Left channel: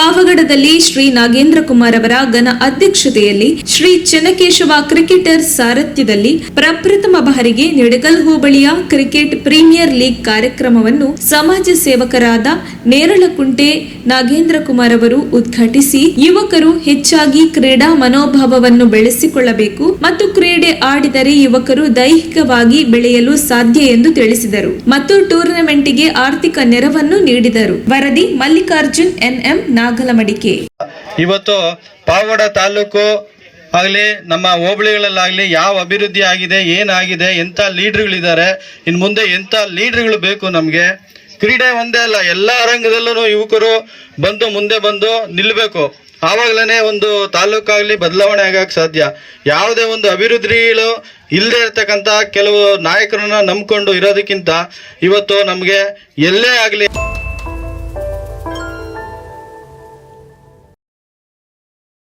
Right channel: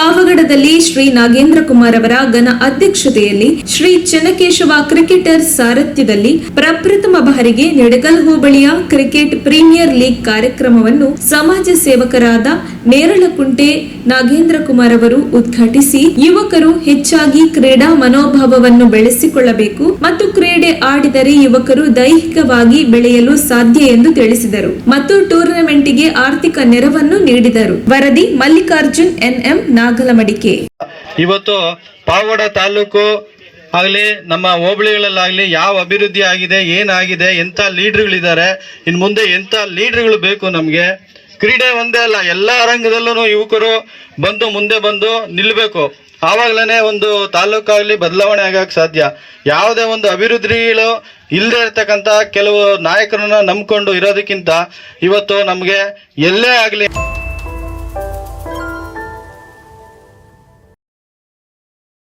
ಪಾವಗಡದಲ್ಲಿ ಶ್ರೀ ನಾಗೇಂದ್ರ ಕುಮಾರ್ ಅವರ ಘನ ಅಧ್ಯಕ್ಷತೆಯಲ್ಲಿ ಶ್ರೀ ಚೆನ್ನಕೇಶವ ಕ್ರಿಕೆಟರ್ ಸಾರಥ್ಯದಲ್ಲಿ ಪ್ರಪ್ರಥಮ ಬಾರಿಗೆ ನಿಡಗಲ್ ಹೋಬಳಿಯ ಕ್ರಿಕೆಟ್ ಪ್ರೀಮಿಯರ್ ಲೀಗ್ ಕಾರ್ಯಕ್ರಮವನ್ನು ಸಮಾಜ ಸೇವಕರಾದ ನೇರಳಕುಂಟೆ ನಾಗೇಂದ್ರ ಕುಮಾರ್ ಅವರು ಉದ್ಘಾಟಿಸಿ ಯುವಕರು ಹೆಚ್ಚಾಗಿ ಕ್ರೀಡಾ ಮನೋಭಾವವನ್ನು ಬೆಳೆಸಿಕೊಳ್ಳಬೇಕು ಮತ್ತು ಕ್ರೀಡೆ ಆಡಿದರೆ ಯುವಕರು ದೈಹಿಕವಾಗಿ ಬೆಳೆಯಲು ಸಾಧ್ಯ ಎಂದು ತಿಳಿಸಿದರು ಮತ್ತು ಟೂರ್ನಮೆಂಟ್ಗೆ ಆರ್ಥಿಕ ನೆರವನ್ನು ನೀಡಿದರು. ವರದಿ ಮಲ್ಲಿಕಾರ್ಜುನ್ ಎನ್ಎಂ ನಾಗಲಮಡಿಕೆ. ಇವತ್ತು ಪಾವಗಡ ತಾಲೂಕು ಆಗಲಿ ನಮ್ಮ ಹೋಬಳಿಗಳಲ್ಲಾಗಲಿ ಯಾವ ಅಭಿವೃದ್ಧಿ ಆಗಿದೆ, ಏನಾಗಿದೆ, ಎಂಥ ಲೀಡರ್ಗಳಿದ್ದಾರೆ, ಇನ್ನು ಮುಂದೆ ಎಂಥ ಲೀಡರ್ಗಳು ಬೇಕು ನಮಗೆ. ಕ್ರೀಡೆ ಒಂದೇ ಅಲ್ಲ, ಎಲ್ಲ ರಂಗದಲ್ಲೂ ಯುವಕರು ಮುಂದೆ ಬಂದು ನಿಲ್ಲಬೇಕು. ಆವಾಗಲೇ ಒಂದು ತಾಲೂಕಾಗಲಿ ಬದಲಾವಣೆ ಆಗಕ್ಕೆ ಸಾಧ್ಯ. ಯಾವುದೇ ಒಂದು ಅಭಿವೃದ್ಧಿಗಳು ಇಲ್ಲದೆ ಇರ್ತಕ್ಕಂಥ ಕೆಲವು ನಾಯಕರನ್ನ ನಂಬ್ಕೊಂಡು ಇರೋದಕ್ಕಿಂತ ಇವತ್ತು ನಮಗೆ ಎಲ್ಲೇ ಆಗಲಿ